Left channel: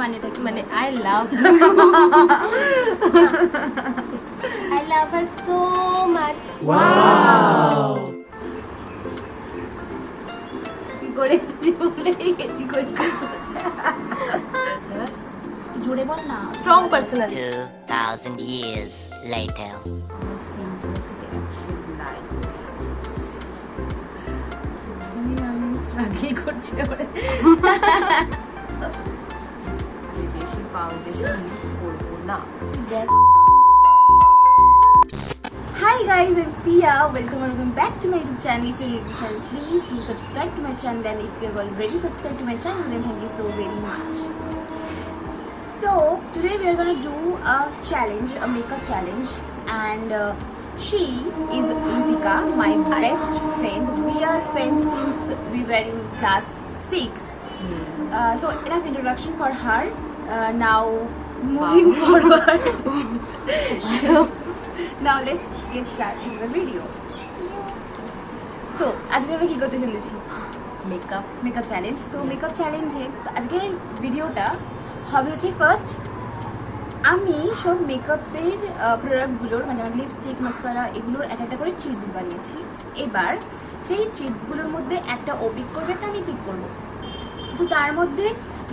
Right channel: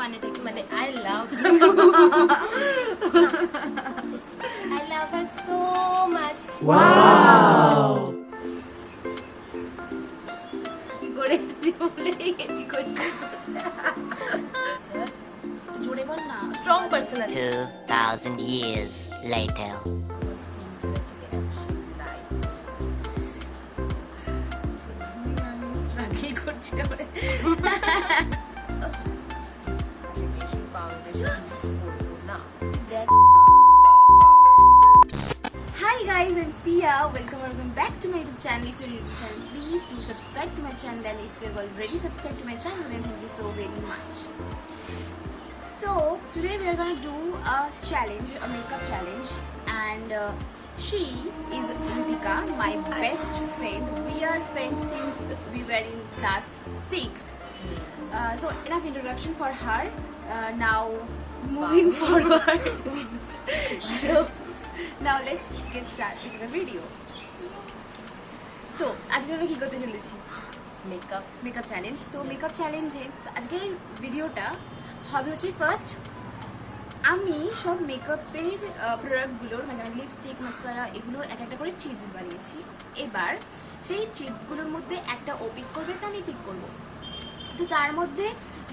মানেটা কি? মানে I love her so much. Wow! কি করে ভুলেই গেছি করছি। জোরে বল না। Strong personality. 2,000 years later. আমি স্ট্রাগল করছি এবারে। বেশি ফাউন্ডেশন ইউজ করবো না। Hi guys, I'm Priya. Welcome back to my YouTube channel. If you're new to the channel, please do subscribe to my channel. And if you've already subscribed to my channel, then thank you so very much. So today we are gonna do a challenge, a makeup challenge, and she is Ritika, my best friend. We are friends since we were in class 6. So enough introduction for her. Now moving forward. Now let's get started with the video. তো আজকে আমরা কি করতে চলেছি? Makeup makeup challenge. তো makeup চ্যালেঞ্জে আজকের ভিডিওটা হবে হচ্ছে ফার্স্ট আমি সব মেকআপের প্রোডাক্টগুলোর মানে আমার লিপস্টিক মাস্কারা এগুলোর একটা করে চিপস বানিয়েছি। এবার সেই চিপসগুলোর মধ্যে একটা ও পিক করবে, একটা আমি পিক করবো। তো তার মধ্যে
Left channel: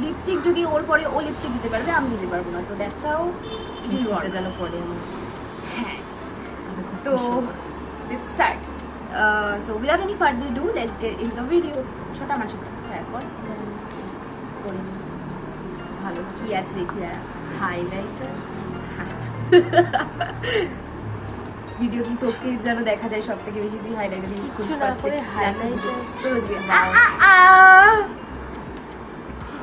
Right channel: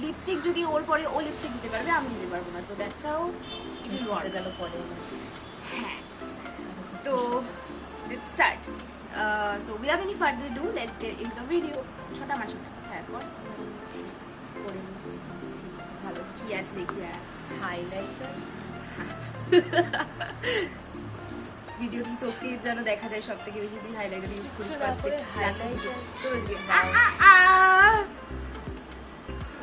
লিপস্টিক যদি ওর পরে ও লিপস্টিক দিতে পারবে, আমি দিতে পারবো না। তো that's how it is work. যেন পড়ে আমার। হ্যাঁ, তো let's start. So without any further ado, let's get into the video. ছোট আমার ছোট হ্যাঁ কর করে ভালো কি আছে দেখি আর হাইলাইটার ভিডিও কি তোকে যেন দেখা যায় সব থেকে বেশি তুই হাইলাইটার ইউজ করিস কিছু না করে highlighter। তো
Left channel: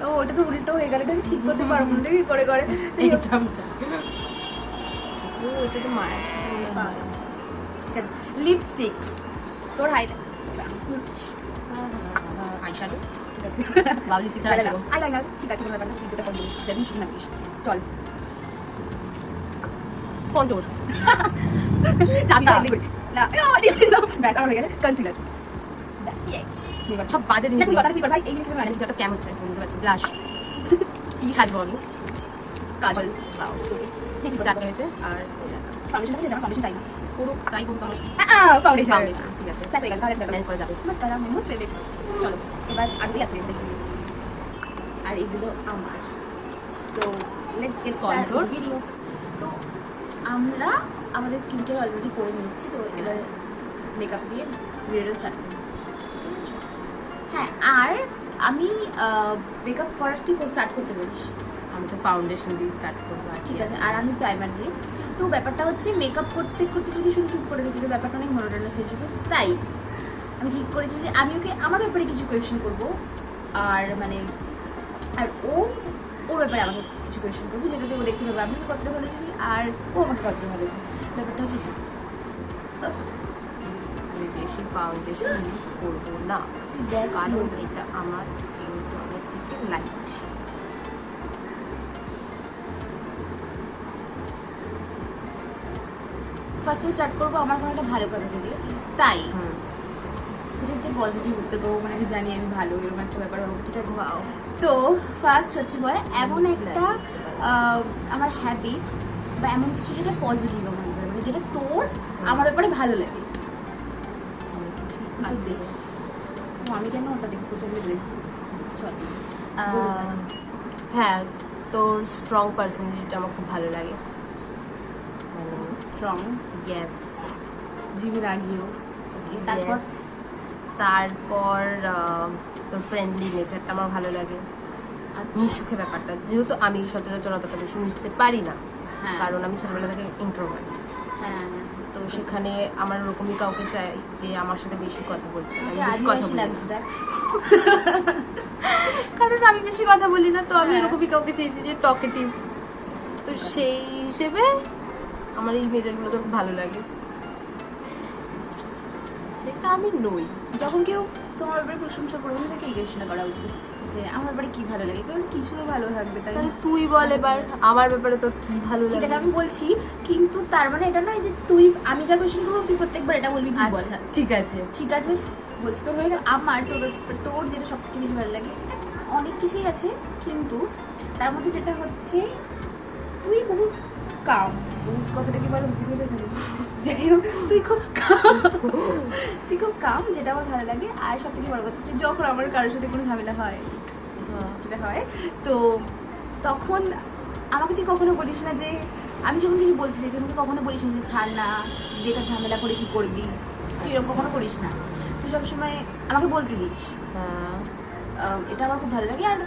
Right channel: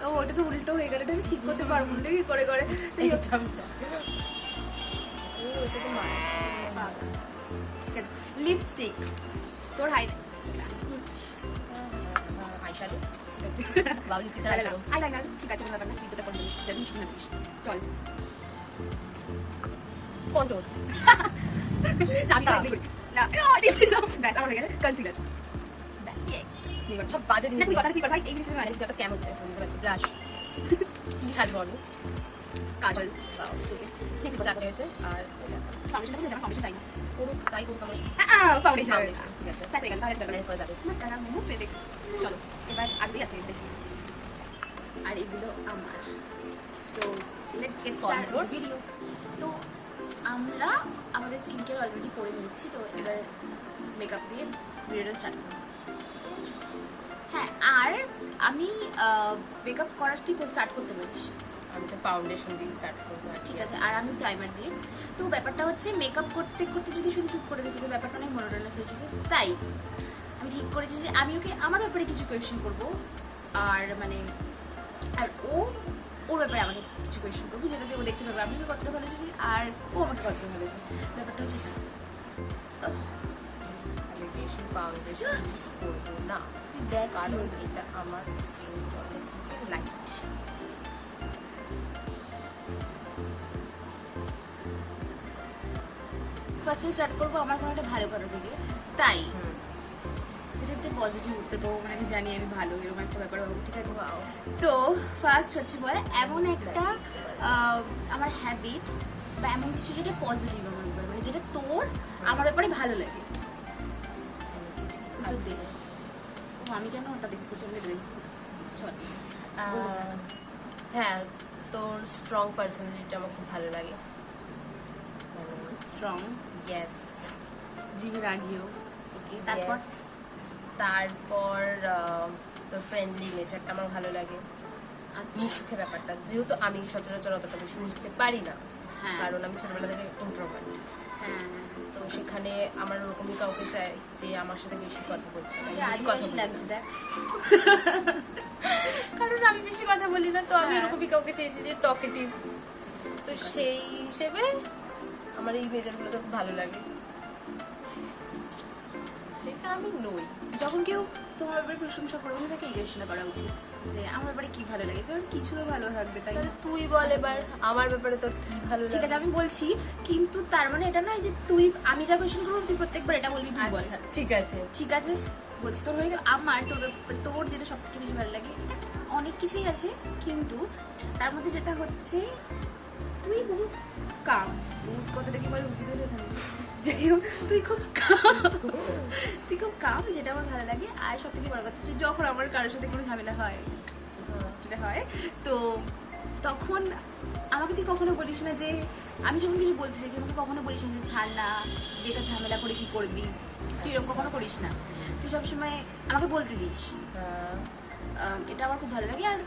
ও ওটা তো উল্টো হয়ে গেল, এটা আমি ঠিক করতে পারবো না কি করে করে এইটা আমি জানি। ও এটা তো মার ঠিক আছে। লিপস্টিক তোর আইশ্যাডো ঠিক আছে বাবলি সিস্টার আইশ্যাডো। আইলাইনার ঠিক আছে কোনো ব্যাপার না, দুটো করে দিস জানি ঠিক না দিস চল কন্ট্রোল জানতা না ও দিচ্ছিস না ব্যাস আমার হয়ে গেছে কনসিলার ব্যাস ইয়ে নিবা সব বাজে জিনিস তুই কথা তুই ভাই এই জিনিসটা মানে একটা স্ক্যাম হচ্ছে বুঝতে পারছি। ব্লাশ কি সাজবো আমি? কাজল বাও ঠিক চারটে হয়েছে আর ফাউন্ডেশন থেকে জামা ফাউন্ডেশন চাই না পুরো ট্রাই করবো আমার ফাউন্ডেশন ফাউন্ডেশন ঠিক আছে ব্যাস হয়ে গেল তাহলে ম্যানেজ করা যাবে। মাস্কারা মোস্ট ফেভারিট চলো এবার আরগুলো আছে দেখি আর এগুলো আমার। So let's get started Contour? Video. তো আমরা আমাদের স্কিন কেয়ার অলরেডি করে নিয়েছি, তো এবার মেকআপ দিয়ে ভিডিও স্টার্ট করব। হ্যাঁ, আর আমি মেকআপ করার তুই স্টার্ট করতে বলিস। আমি তো ফাউন্ডেশন দিয়ে স্টার্ট করবো আর ঠিক আছে, আর আমি প্রাইমার দিয়ে। তো ব্যাপারটা হচ্ছে মেকআপ করতে করতে যদি শুধু চুপ করে দিতে, তো ব্যাপারটা অনেক মনোটোনাস হয়ে যেত। তাই আমি ঠিক করেছি যে আমি ওকে আমার ব্যাপারে কিছু কোয়েশ্চেন করবো, আর মানে আর ওর ব্যাপারে আমাকে কিছু কোয়েশ্চেন করবো, যেটাতে ও দেখতে পাবে আমি ওকে কতটা ভালোবাসি আর ও আমাকে কতটা ভালোবাসে। ব্যাপারটা হচ্ছে আমি বেশি ফাউন্ডেশন ইউজ করবো না, দেখ কারণ এটা আমার স্কিন টোনের থেকে লাইট। ফার্স্টে স্টার্ট করবো আমার কোনো একটা ভালো কথা থেকে। তাই যেটাতে পজিটিভ উত্তর পাবো, মানে আমি জানি আমি ভালো, এরকম একটা ব্যাপার হবে। ঠিক আছে, Wow. তো ফার্স্ট হচ্ছে বলে এমন একটা আমার হ্যাবিট বা এমন কিছু যেটা পজিটিভ আমার ব্যাপারে, মানে যেটা তোর আমার ব্যাপারে ভালো লাগে। আচ্ছা। তো আমি কেন ওটা দেখে প্রচন্ড বলি চল হ্যাঁ, তোর স্ট্রং পার্সোনালিটি আমার খুব ভালো লাগে। মানে স্ট্রং ইয়েস জিবি লাগিও। তারপর তারপর তোর ফ্রেন্ডলি নেচারটা আমার ভালো লাগে। মিশুকে ব্যাপারটা, যেহেতু আমি সচরাচর অতটা বেশি মিশতে পারি না, হ্যাঁ। কারণ আমি ছোটবেলা থেকে ইন্ট্রোভার্ট। হ্যাঁ, তো সেখানে আমার ওরকমই কাউকে চাই যে আমার সাথে বেশি কথা বলতে পারে। আমি বেশি কথা আদিবাসী বলি না। লাগছে দেখ। কারণ আমি বেশি কথা বলি না, তো আমি এরকমই কাউকে চেয়েছি যে টকেটিভ। তো সেই হিসেবে আমার এই মেজারগুলো তো খুব ভালো লাগে, সেটা আমি নই। যখন কেউ তোমার ব্যাপারে প্রশংসা করবে তাকে এই কোয়েশ্চেনটা করা উচিত যে আমার ব্যাপারে কি ভালো লাগে, কারণ কিছু তো ভালো থাকবে তাই তাহলে না? তুই বল এবার আমার ব্যাপারে তোর কি ভালো ঠিক আছে লাগে। আমি বলছি, কিন্তু তার মানে এটা নয় যে তুই আমি যা কোয়েশ্চেন করবো তুই প্রত্যেকবার এটা বলবি তুই বল। আচ্ছা ঠিক আছে। ঠিক আছে, বলছি তোর হয়ে গেল আমার তোর যেটা সব থেকে বেশি ভালো লাগে অনেক কিছুই আছে, কিন্তু তার মধ্যে যেটা হচ্ছে তুই বহু কাম, কথাটা কি বলে বুঝতে পেরে যাই হোক তুই খুব কাম, যেটা আমার ভালো লাগে। আর সব থেকে বড় কথা তুই যখন আমার কারোর সাথে কোনো ঝামেলা হয় তো তখন আমাকে তুই কখনো বলিস না যে আমি যখন কিছু বলতে চাই তুই কখনো বলিস না যে ছাড় না, বেকার ঝামেলা করে কি করবি, তুই এরকম কখনো করিস না। তুই সবসময় আমাকে বলতে দিস, এটা আমার খুব ভালো লাগে। আর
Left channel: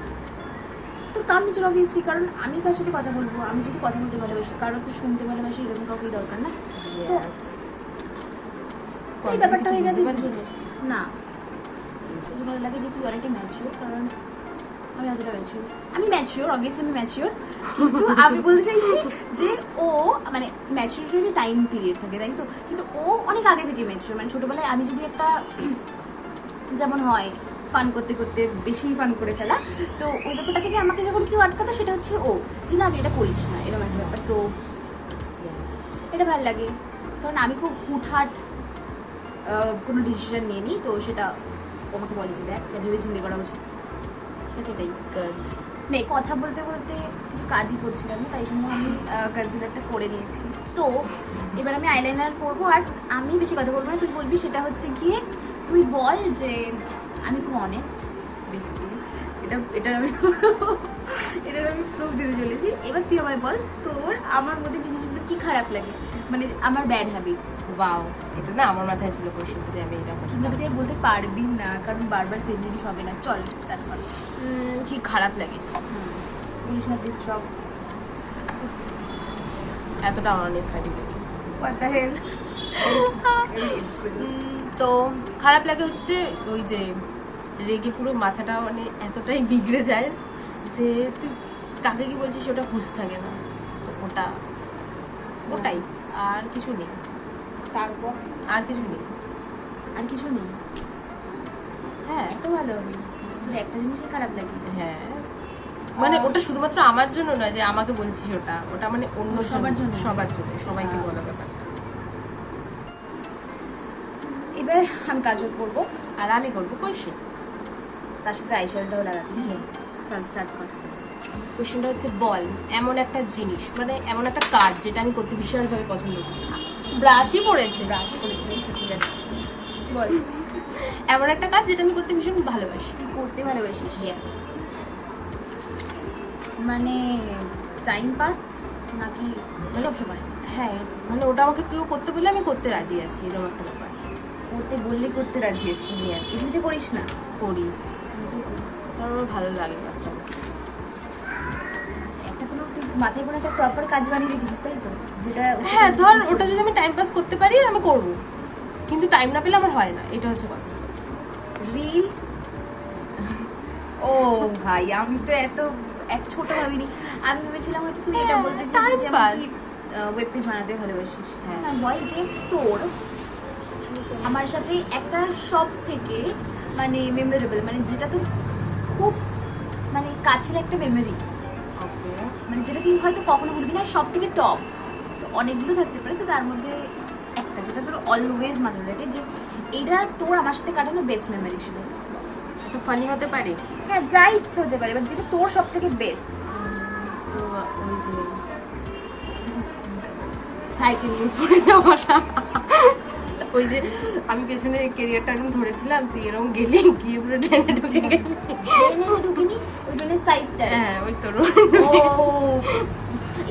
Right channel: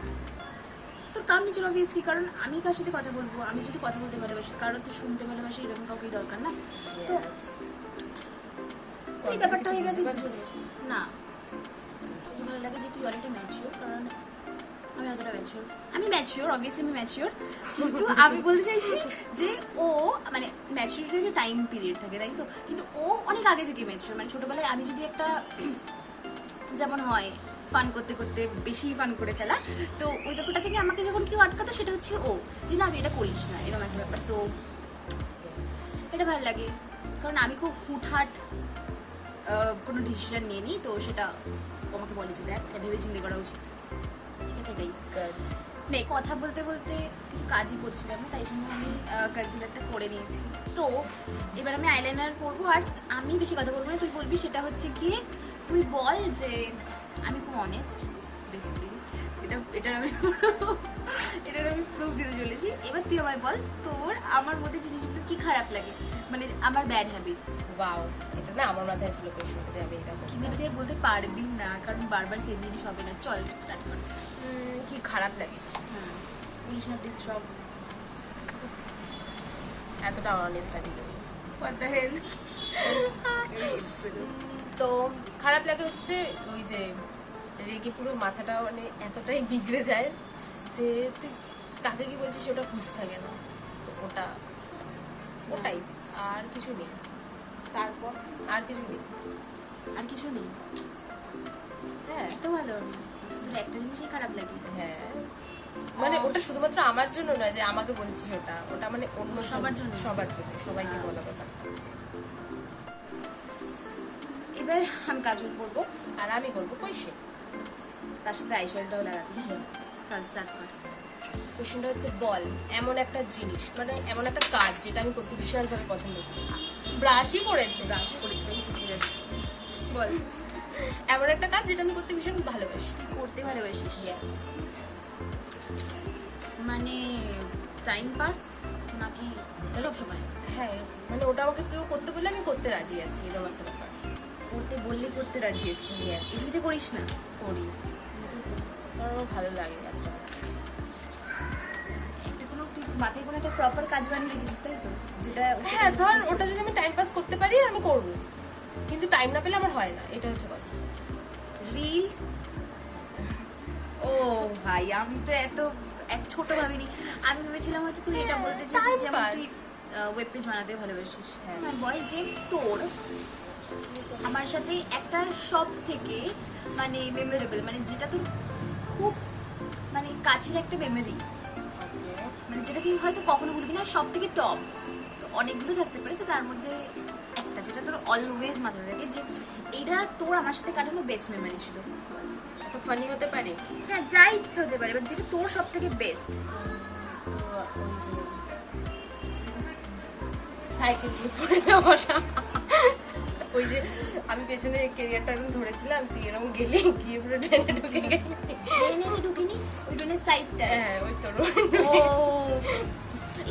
তোর কাম নিচে অবভিয়াসলি, কারণ আমি কার সাথে কথা বলবো, আমি যদি কথা বলতে ভালোবাসি, কারণ তো শুনতে ভালোবাসি, এরকম কাউকে দরকার না। তো এই ব্যাপারটা হয়ে গেছে দুজনের না, সেটা ভালো লাগে যে তুই অনেকটা ম্যাচিওর, কারণ আমি অতটা ম্যাচিওর, অবভিয়াসলি আমি ম্যাচিওর, কিন্তু আমি বলতে চাইছি যে ও মানে ম্যাচিওরিটি টাইম পিরিয়ড থাকে, তাই তো, কিন্তু ও অনেক আগে থেকে ম্যাচিওর। মানে ছোটোবেলায় আমি যদি একটা যেমন হয় ফান করতে করতে বেশি ফান করে ফেলা, তো ওই ব্যাপারটা থেকে আমাকে যখন কেউ আটকাতো সেটা হচ্ছে ও, যে না এটা করিস না, এরকম একটা ব্যাপার। তো এটা ভালো লাগে, কারণ আমি খুব হুটহাট কোনো ডিসিশন নিয়ে নিই, তো সেটা আমাকে বলে যে দেখ এটা ভেবে চিন্তা করা উচিত, ঠিক আছে। এটাই মানে কথা বলতে বলতে কিছু কাজই করছিলাম না, তাই জন্য আমি কনসিলারটা করে নিয়েছি। তো এবার আমি আইলাইনার করবো, আর আমি বেশি কথা বলবো না, তুই বলবি। সেটা হচ্ছে গিয়ে তুই বল যে আমি খুব অনেস্ট বেসিক্যালি, এটা আমি প্রুফ দিতে চলেছি। এবার তুই আমার বল তোর আমার মধ্যে জিনিসগুলো কি খারাপ লাগে, মানে আমার ব্যাড হ্যাবিটস। ওয়াও, এটা না আমার মাথায় ছিল কোশ্চেনটা যে আমি এটা কিন্তু তুই আর বলতে পারবি না, কারণ বারবার সেম জিনিস হবে না। চল স্টার্ট কর। কি খারাপ লাগে, বলিস না প্লিজ, সব এতটা অনেস্ট আমি করি। what the hell? তো খারাপ লাগে হচ্ছে ওই যে রেগে পুরো মাথাটা মানে এতটাই বিগড়ে যায় যে তুই কাকে কি বলছিস ওটা হুঁশ থাকে না, তো ওটাই আর কিছু নেই। তারপর আর কিছু নেই। হ্যাঁ এত ভালো হবে তোর একটা জিনিসই খারাপ লাগে। হ্যাঁ, মানে ওটা শুধুমাত্র আমার জন্য নয় যে আমাকে বলছিস, ওটা মানে অন্য সবার জন্য, সবাইকে বলা ব্যাপারটা। এবার আমি কাজল করবো, আর আমি করবো কোয়েশ্চেন, তার সাথে আইশ্যাডোটাও লাগাবি। চল স্টার্ট কর। কোয়েশ্চেনটা হচ্ছে বল এমন একটা জিনিস, মানে এমন একটা কাজ যেটা আমি করতে বিশালভাবে পছন্দ করি। ব্রাশই পড়েছে, ঠিক আছে বল। এমন একটা কাজ যেটা আমি করতে ভীষণ ভালোবাসি। করতে ভালোবাসিস? মানে টাইম পাস নাকি সব সময়? হ্যাঁ, মানে ওটা আমাকে কেউ করতে বললে আমি করতে রাজি আছি, এরকম একটা ব্যাপার। করতে বললে করতে রাজি আছি? এমনিতে করিস না? করি, কারণ আমার ভালো লাগে কাজটা। একটা কোনো তুই মাথায় কোনো একটা প্রপার কাজ বানিয়ে রেখেছিস, তাই তো? যেটা হ্যাঁ, ধর ওটা যদি আমি টাইম পাস করতে পারি আমি করবো, কিন্তু টাইম না পেলে আমার হয় না, এটা হচ্ছে কথা। রিল? ও ভাই, আমি তো এত ছোট ভাবিনি। আমি ভেবেছিলাম হয়তো তুই এটা বলতে চাইছিস যে তুই ওয়েব পেজ বানাতে ভালোবাসিস। হ্যাঁ, বল যে তোর আমার সাথে একটা সব থেকে মানে মেমোরেবল, মানে যেটা তোর খুব মানে কাছের একটা মেমোরি, মানে যেটা তুই হয়তো কখনো ভুলবি না, সব থেকে টপ। অনেকগুলো থাকতে পারে, তো তার মধ্যে একটা যেটা তোর অলওয়েজ মাথায় থাকে যে এটা তোর আমার সাথে কাটানো বেস্ট মেমোরি ছিল। একটু ফানি হতে পারে, হ্যাঁ যা ইচ্ছা হতে পারে, বাট যেটা তোর সব থেকে বেস্ট। তো ওই যে সাইকেল নিয়ে পড়ে যাওয়াটা, ওই যে আমি পেছনে ক্যারিয়ারটা একদম ধরেছিলাম, তুই এরকম গেলি, গিয়ে পুরো ট্রেনে ঢুকে গেলি। ট্রেনে ঢুকিনি, ওই ট্রেনের সাইডটা। হ্যাঁ, ওই তোর। ও,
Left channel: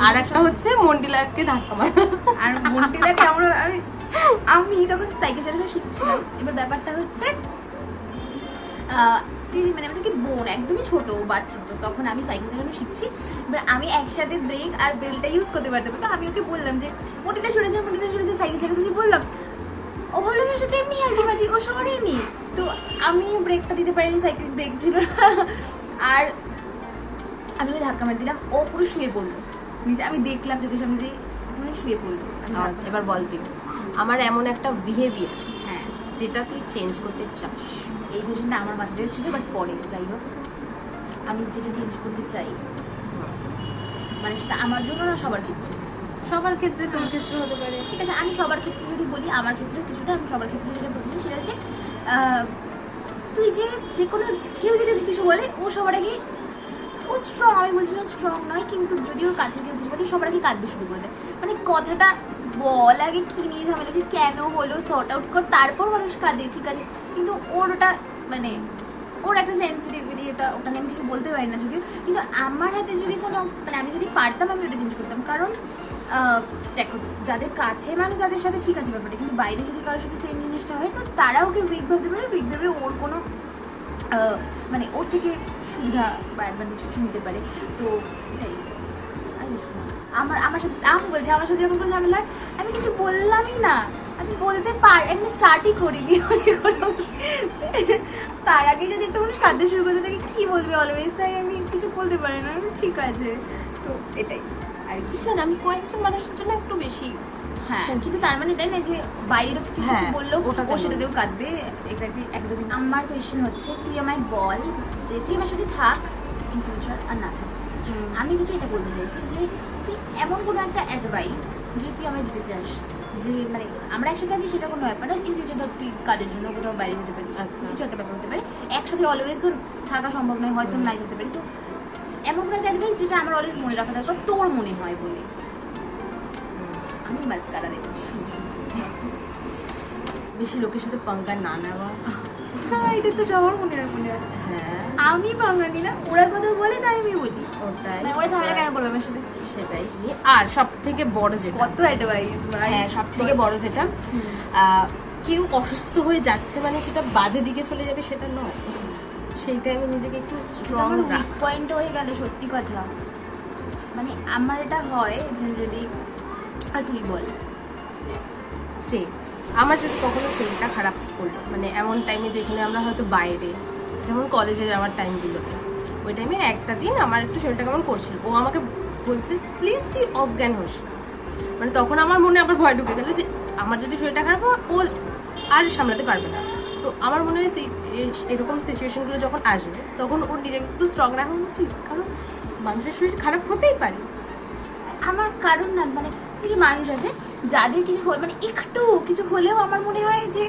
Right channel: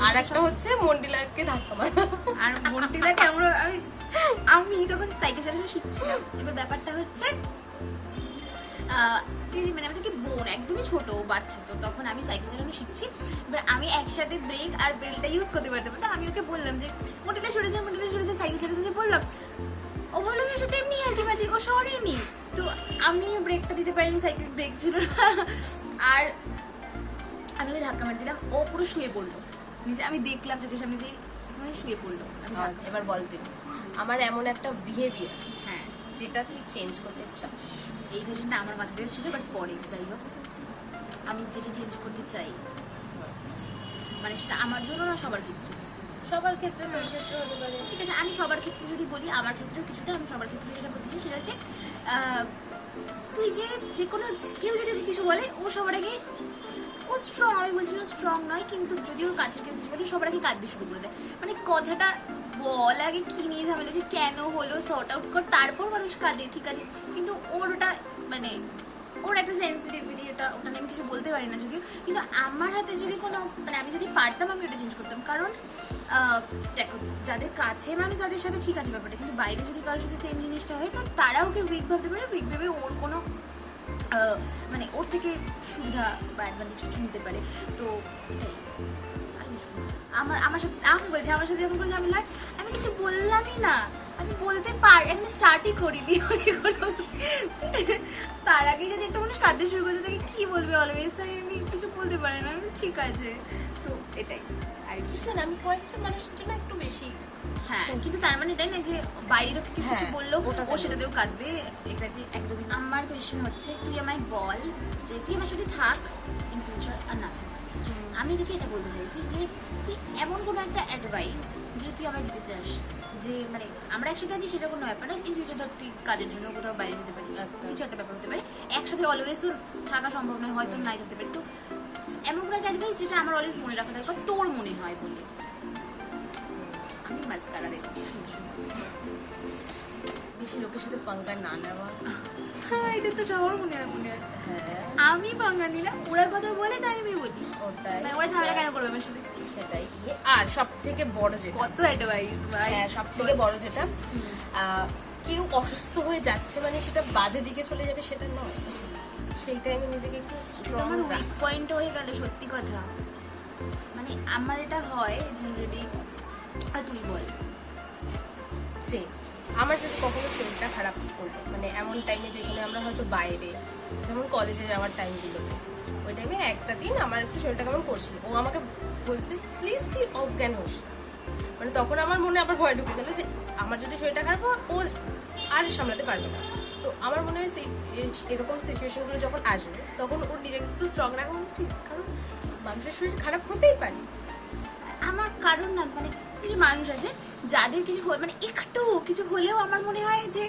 আর একটা হচ্ছে মন্ডিলাকে ধাক্কা মারা। আর মন্টিলাকে আমি তখন সাইকেল চালানো শিখছিলাম। এবার ব্যাপারটা হচ্ছে মানে আমাদেরকে বোন একদমই ছোট বাচ্চা, তো তখন আমি সাইকেল চালানো শিখছি। এবার আমি একসাথে ব্রেক আর বেলটা ইউজ করতে পারতাম, তো আমি ওকে বললাম যে মন্টিলা সরে যা, সাইকেল চালাতে যে বললাম, ও ভাবলো আমার সাথে এমনি আলটিমেটলি ও সরেনি, তো আমি ব্রেকটা দিতে পারিনি, সাইকেল ব্রেক ছিল আর আমি ওই ধাক্কা মার দিলাম, ও পুরো শুয়ে পড়লো নিচে। আমি দেখলাম চোখের সামনে যে শুয়ে পড়লো। এবার বল তুই আমার এমন একটা বিহেভিয়ার হ্যাঁ, যেটা তুই চেঞ্জ করতে চাস। এই কোয়েশ্চেনটা আমার মাথায় ছিল, বাট পরে যাই হোক আমি যেটা চেঞ্জ করতে চাই, মানে সেটা আমার জন্য না সবার ক্ষেত্রে। সবার ক্ষেত্রে, তোর ক্ষেত্রে হতে পারে। ঠিক আছে, আমি সবার ক্ষেত্রে যদি বলি, আমার ক্ষেত্রে কিছুটা, আমি সবার ক্ষেত্রে যেটা বলছি সেটা হচ্ছে তুই যে কোনো কেউ যদি কিছু বলে ও সবার আগে ও স্ট্রং, আমি বলছি না স্ট্রং নয়, কিন্তু যদি ওর কাছে কেউ কিছু বলে সবার আগে কাঁদতে শুরু করে দেয়। মানে কথাটা বল আগে কি নিয়ে ঝামেলা, যে কেন হলো সর্ট আউট কর, তারপর মানুষ কাঁদে, ঠিক আছে। কিন্তু ওর ওটা মানে ওর একটা সেন্সিটিভিটি, ওটা নিয়ে আমি কিছু বলতে পারি না যদিও। কিন্তু আমার হাতে যদি কোনো মানে আমি যদি পারতাম আমি ওটা চেঞ্জ করতাম। কারণ দেখো যাদের কাছে মানুষ যাদের সাথে ঠিক আছে ব্যাপারটা, কিন্তু বাইরে যদি কারোর সাথে সেম জিনিসটা হয় তো তারা ওকে উইক ভাবতে পারে, উইক ভেবে ওর কোনো মানে ওর থেকে সুবিধা বা অ্যাডভান্টেজ কিছু নিতে পারে। তো এটাই আমার সাথে আমি বলছি, আমার সাথে যখন কোনো ঝামেলা আমি কিছু বললামই না, আমি বলতে পারি, আমি স্টার্টই করিনি। তার আগে যদি একটা মানুষ কাঁদতে শুরু করতে থাকে কি বলবে অলওয়েজ, তাই আমি কিছু বলতে পারি না। ঠিক আছে, তো এটাই আর কিছু না, আমি কয়েকজন মানুষের জন্য একটু বেশি। হ্যাঁ, কিন্তু তার মানে এটাই না যে বাইরের কিছু বললেও ওটা ও সেটাতেও কাঁদবে। এক্স্যাক্টলি একদম। আমার কোয়েশ্চেন হচ্ছে, তুই আমায় বল যে তুই আমার সাথে থাক ইন ফিউচার আর না থাক। আমি তোকে এটা বলতে চাইছি যে তুই এমন কোনো একটা অ্যাডভাইস যে তুই আমায় দিতে চাস, যে মানে আমরা একসাথে আছি সেটা কোনো ব্যাপার না, ইন ফিউচার ধর তুই কাজের জন্য কোথাও বাইরে যেতে পারিস, কিছু একটা ব্যাপার হতে পারে, একসাথে অলওয়েজ তোর থাকা সম্ভব নয়, হয়তো নাই যেতে পারি। তো এমন কোনো একটা অ্যাডভাইস যেটা আমার অলওয়েজ মনে রাখা দরকার, তোর মনে হয় বলে। আমি বাস তারা দেবো শুনতে শুনতে। বেশি লোকের সাথে পাঙ্গা না নেওয়া। এটা তো সবার মনে হয়। হ্যাঁ, আমি পাঙ্গা নিলাম, ওরা কথা বলে তাই আমি বলি, ওটাই ওরা ঝামেলা কেন করবে আমার সাথে? সেটাই। আর সব থেকে বড় যেটা, কত অ্যাডভাইস ভাই। হ্যাঁ সব থেকে বড় যেটা, কেউ অসুস্থ হয়ে যাচ্ছে মানে সেটা বাজে দিকে চলে যাবে সেটা নয়, সেই টাইমে নিজেকে একটু স্ট্রং রাখ। পয়েন্ট হয়ে গেল, সত্যি কথা। মানে আমার এটা হয় জেনারেলি। তুই বল। যে আমার যদি কখনো শরীরটা খারাপ করলো, মানে এমন টাইমে যেখানে আমরা হয়তো বাইরে, যেমন কলেজে যাওয়ার টাইমগুলোতে, ওই টাইমে একটা দিন আমার একটু শরীরটা কেমন করছিল, ও আমাকে বলছে প্লিজ তুই অজ্ঞান হোস না। মানে তখন আমার মনে আবার ভয় ঢুকে গেল যে আমার যদি শরীরটা খারাপ হয় ও আর সামলাতে পারবে না। তো আমার মনে হয় এরকম সিচুয়েশনগুলো যখন আসবে তখন ওর নিজেকে একটু স্ট্রং রাখা উচিত, কারণ মানুষের শরীর খারাপ হতেই পারে। আমার কারণ না, মানে কিছু মানুষ আছে যাদের কিছু মানে একটু কিছু হলেও আমার মনে হয় যে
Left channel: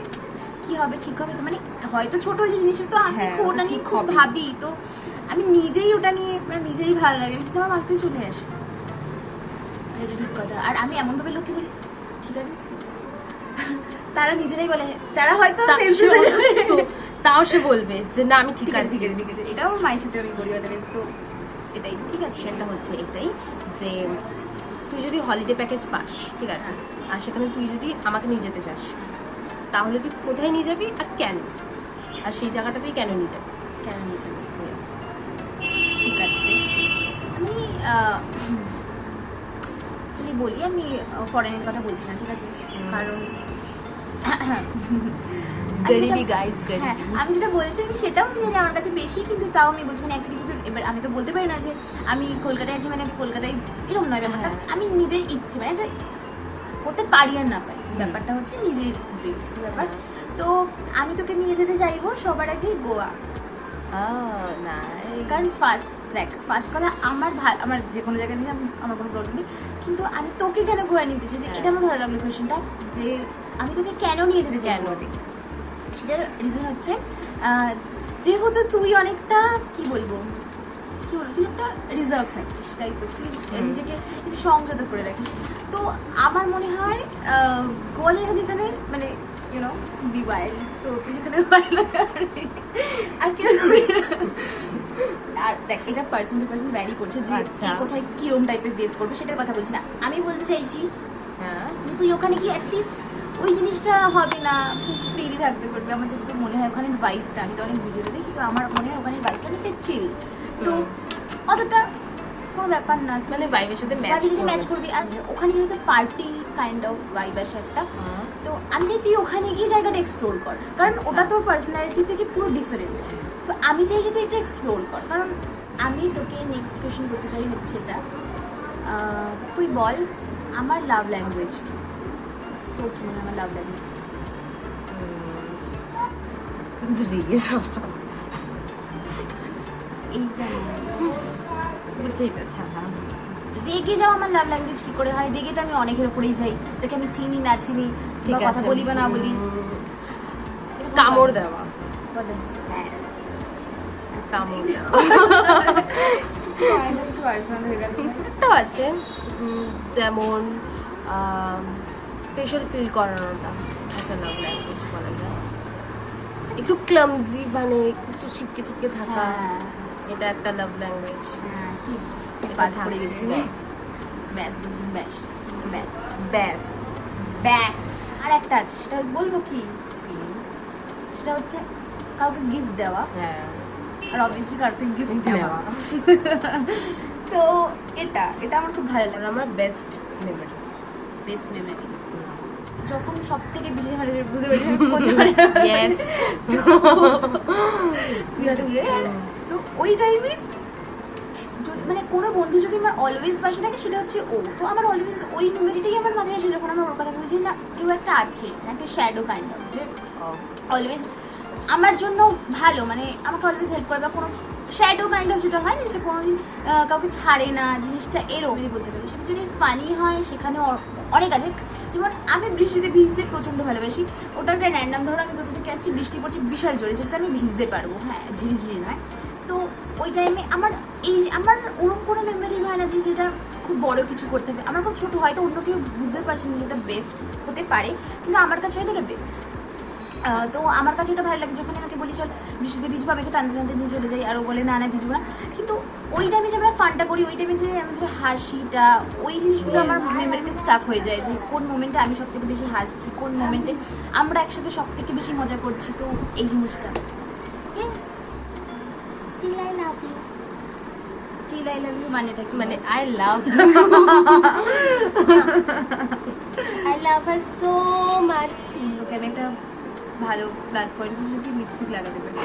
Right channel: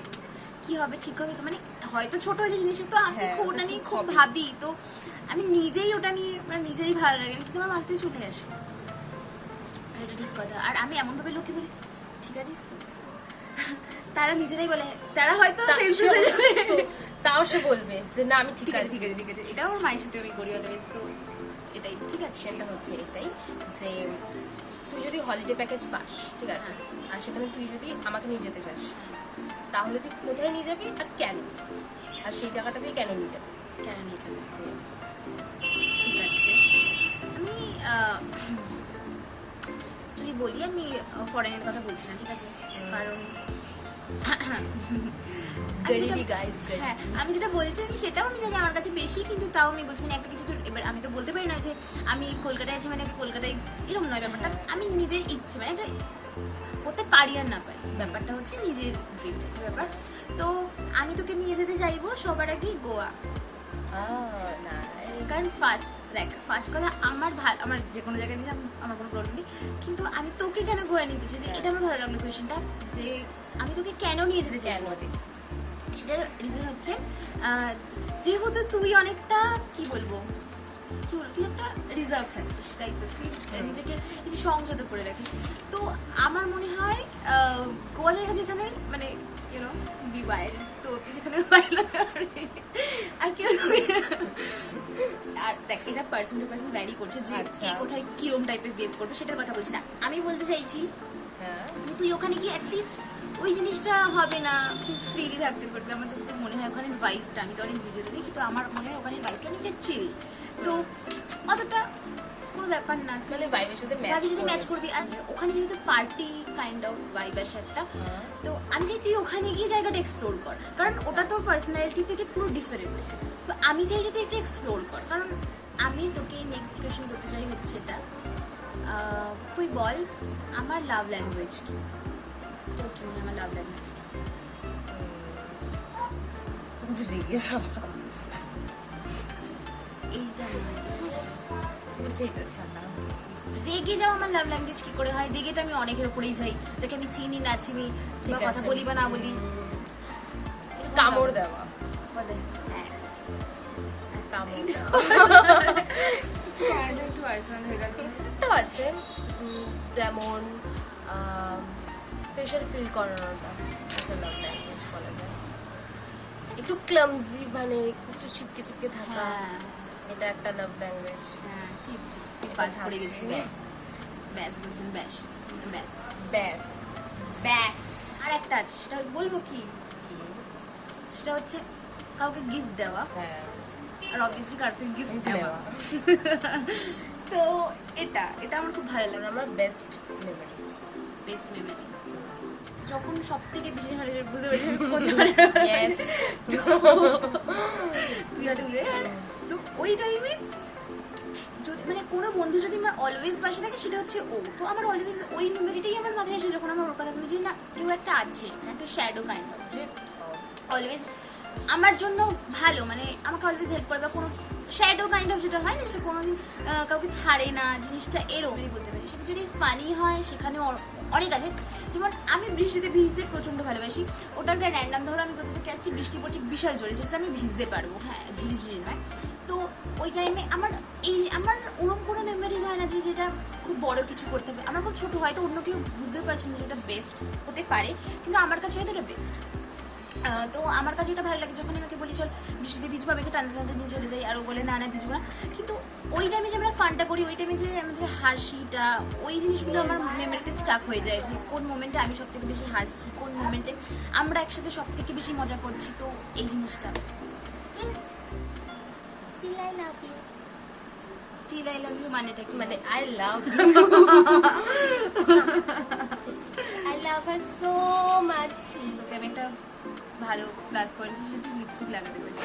কি হবে, ঠিক হবে তো, মানে হয়তো ছোট যে জিনিস, তো আমি ওটা নিয়ে খুব ভাবি, তো আমি নিজেই ওটা নিয়ে নিজেই ভালো লাগে, কিন্তু আমার মাথায় চলে আসে। এটা ঠিক কথা। আর আমি এমনভাবে লোককে বলি ঠিক আছে তো, তারা নিজেরাই বলে, তারা হয়তো তাও সে বলবে যে না আমি ঠিক আছি। এটা আমার মায়ের সাথে আমি করি অদারওয়াইজ। তো এটাই ঠিক আছে। সেটা হচ্ছে এটাই যে তুই যদি হলিডে প্যাকেজ পাস, ঠিক আছে, আর সেখানে তুই যদি আমাকে নিয়ে যেতে চাস, তাহলে তুই কোথায় নিয়ে যাবি আর কেন, আর সেই জায়গাটাতেই কেন নিয়ে যাবি? কেন নিয়ে যাবে? ঠিক আছে। আমি যদি বলি, আমি ফরেনের কথা বলছিলাম, ঠিক আছে, কারণ গরিবি গাইজ, হ্যাঁ, গরিবি। আমি যেটা বলছি আমি সেটাও আমি জানি আমার কাছে বেশি, কিন্তু তাও আমি বলছি মানে একটা কিছু তো এবার আমি তো বলতে পারি না যে আমি কলকাতায় আছি মানে কলকাতায় এরকম নয় ব্যাপারটা। আমি নিজের ইচ্ছে মানে একটা করতে পারি আর না পারি, ব্যাপারটা হচ্ছে নিজের ড্রিম ব্যাপার। তো আমি তোকে নিয়ে যেতে চাইবো সবার আগে গোয়া। কারণ ফার্স্ট কথা আমার যে কোনো জায়গায় নিয়ে আমার কোনো প্রবলেম নেই, কিন্তু আমি তোকে কেন গোয়া নিতে চাই, এটা আমার ভালো লাগলো কোয়েশ্চেনটা, যে আমি তোকে কেন নিয়ে যেতে চাই গোয়াতে। সেটার রিজন হচ্ছে যেহেতু তুই অনেকটা কি বলবো তুই একটা রিজার্ভ থাকিস, তাই তো তুই নিজেকে একটু সংযত করে রাখিস। তো আমার মনে হয় গোয়া জায়গা যেখানে মানে ইউনো বি ওয়াইল্ড, তো তুই যেখানে আর কেউ আর দেখ এটা পার্সন টু পার্সন ভ্যারি করছে যে কোথায় কিরম টাইপের বিহেভ করবে সেটার কথা বলছি না। আমি বলতে চাইছি তুই ওখানে কি অ্যাটলিস্ট ওই জিনিসটা হবে না, তুই ফ্রিলি থাকতে পারবি। আমার যদি মনে হয় ওখানে ভাইবটা, আমি তো অনেক ভিডিওতে দেখি, তো আমার মনে হয় ওখানে ভাইবটা অনেকটা চিল, তো অতটা কোনো ব্যাপার না, মানে ভাইবের সাথে ম্যাচ করবি। আর ওখানে যেহেতু পার্টি কাইন্ড অফ ভাইব আছে একটা, তো আমি চাই তুই ওখানে গিয়ে জায়গাটা এক্সপ্লোর কর, কারণ ওটা তোর পার্সোনালিটি থেকে পুরো ডিফারেন্ট। তো আমি চাই যে তুই একটু এক্সপ্লোর কর। কারণ আমি তোকে নেক্সট কোয়েশ্চেন করতে চাই হচ্ছে এটা, তুই বল আমার লাভ ল্যাঙ্গুয়েজ কি? তোর কি মনে হয় লাভ ল্যাঙ্গুয়েজ কি? এইটা বুঝছে, এটা ছাড়া রেগে যাওয়া আমার লাভ ল্যাঙ্গুয়েজ কি করে হয়? রেগে তো আমি অনেকের উপরেই যাই, তোকে আমি চিনি না চিনি, ঠিক আছে, কথা বলি বা না বলি, কামড় দেওয়া, বলে হ্যাঁ কামড় দেওয়া। একটু পার্সোনাল হয়ে গেল। একটাও আছে যেমন স্পেশাল ফিল করানোটা একটা লাভ ল্যাঙ্গুয়েজ বলা যায়। একটু ক্লামজি মানে একটু ছিপকে ছিপকে থাকা, হ্যাঁ, এটা একটা লাভ ল্যাঙ্গুয়েজ। হ্যাঁ, ঠিক। এটা পাস করে থাকবে। গেছি, ব্যাস ব্যাস বুঝলি, ব্যাস ব্যাস ব্যাস ব্যাস। আর একটা আছে, সেটা বলবো কি, সেটা হচ্ছে কাউকে গিফট দেওয়া, হ্যাঁ আর অবভিয়াসলি কার থেকে গিফট নেওয়া। নেওয়া। তো এটা আমার খুব ভালো লাগে। আর আমার বেস্ট মেমোরি, বেস্ট মেমোরি যখন সব থেকে বেশি ভালো লাগে, বুঝতে পারি আমি কত ভালো ইয়েস। তো ওই টাইমে মানে কোনো বন্ধু যদি আমার অলওয়েজ পাশে থাকে, সেটা হচ্ছে ও। তো আমার অলওয়েজ ওই মেমোরিটাই আমার মাথায় আসে যখন আমি ওর কথা বলছি, না কেউ একটা আছে, একটা শ্যাডো কাইন্ড অফ, যে অলওয়েজ আমার জন্য ভালো, মানে আমাকে অলওয়েজ হেল্প করে, বা কোনো শ্যাডো কাইন্ড অফ যেটা হয় না, সে কোনো কাউকে ছাড়ে না, জিনিসটা এরকমই বলতে পারি। সেটা যদি ফানি হয়, সেখানে অনেক আছে। যেমন আমি বৃষ্টিতে ভিজতে প্রচণ্ড ভালোবাসি। ওটা একটা র্যান্ডাম, ধরো আমি কোথা থেকে আসছি, বৃষ্টি পড়ছে বিশাল জোরে, যেটা আমি ভিজতে পারবো, হ্যাঁ ঝিরিঝিরি নয়। তো ওই টাইমে আমার ওরকম কোনো মেমোরিজ হয় না যে যেটা খুব বড় কিছু করতে হবে। আমার খুব ছোটো, হয়তো অন্য কেউ বুঝতে পারছি না যেটা বেস্ট হতে পারে, কিন্তু আমার কাছে হয়তো এটা বেস্ট। তো আমার কাছে এটা ভালো লাগে যখন আমাকে বলি চল বৃষ্টিতে ভিজবো, আমি একটু টানতে টানতে নিয়ে চলে যাই, আর ও বলে না ভিজবো না। কিন্তু ওই টাইমে যে আমরা ফানটা করি, ওই টাইমে যে আমাদের হাসিটা, ওই জিনিসগুলো আমার মেমোরিতে স্টাফ হয়ে যায়, যে কোন মোমেন্টে আমি সব থেকে বেশি হাসছি, কোন মোমেন্টে আমরা একসাথে সব থেকে বেশি মজা করছি। তো এই জিনিসটা still I love you, still I love you মানেটা কি? মানে I love I love her so much. Okay আমি একটা ভালো প্লাস পয়েন্ট যদি লিপস্টিক লাগাতে পারি।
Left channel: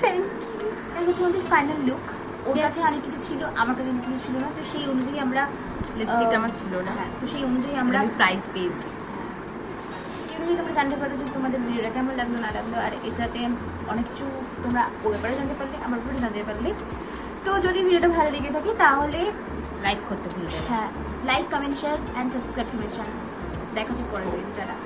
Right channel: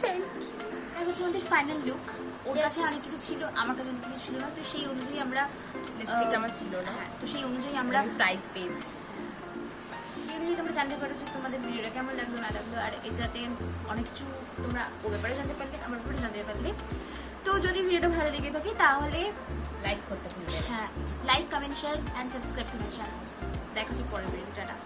Thank you. এই হচ্ছে আমাদের ফাইনাল লুক। ওর কাছে অনেক কিছু ছিল, আমার কাছে অনেক কিছু ছিল না, তো সেই অনুযায়ী আমরা লিপস্টিকটা আমার ছিল না, হ্যাঁ, তো সেই অনুযায়ী আমরা আমি প্রাইজ পেয়েছি। এই অনুযায়ী তোমরা জানতে পারো যে তোমাদের ভিডিওটা কেমন লাগলো না লাগলো, আর এটাতে অনেক কিছু তোমরা ও ব্যাপারে জানতে পারলে, আমার ব্যাপারে জানতে পারলে। তো যদি ভিডিওটা ভালো লেগে থাকে তাহলে লাইক করতে ভুলবে না। হ্যাঁ, like comment share and subscribe to my channel. দেখা হচ্ছে পরের ভিডিওটা।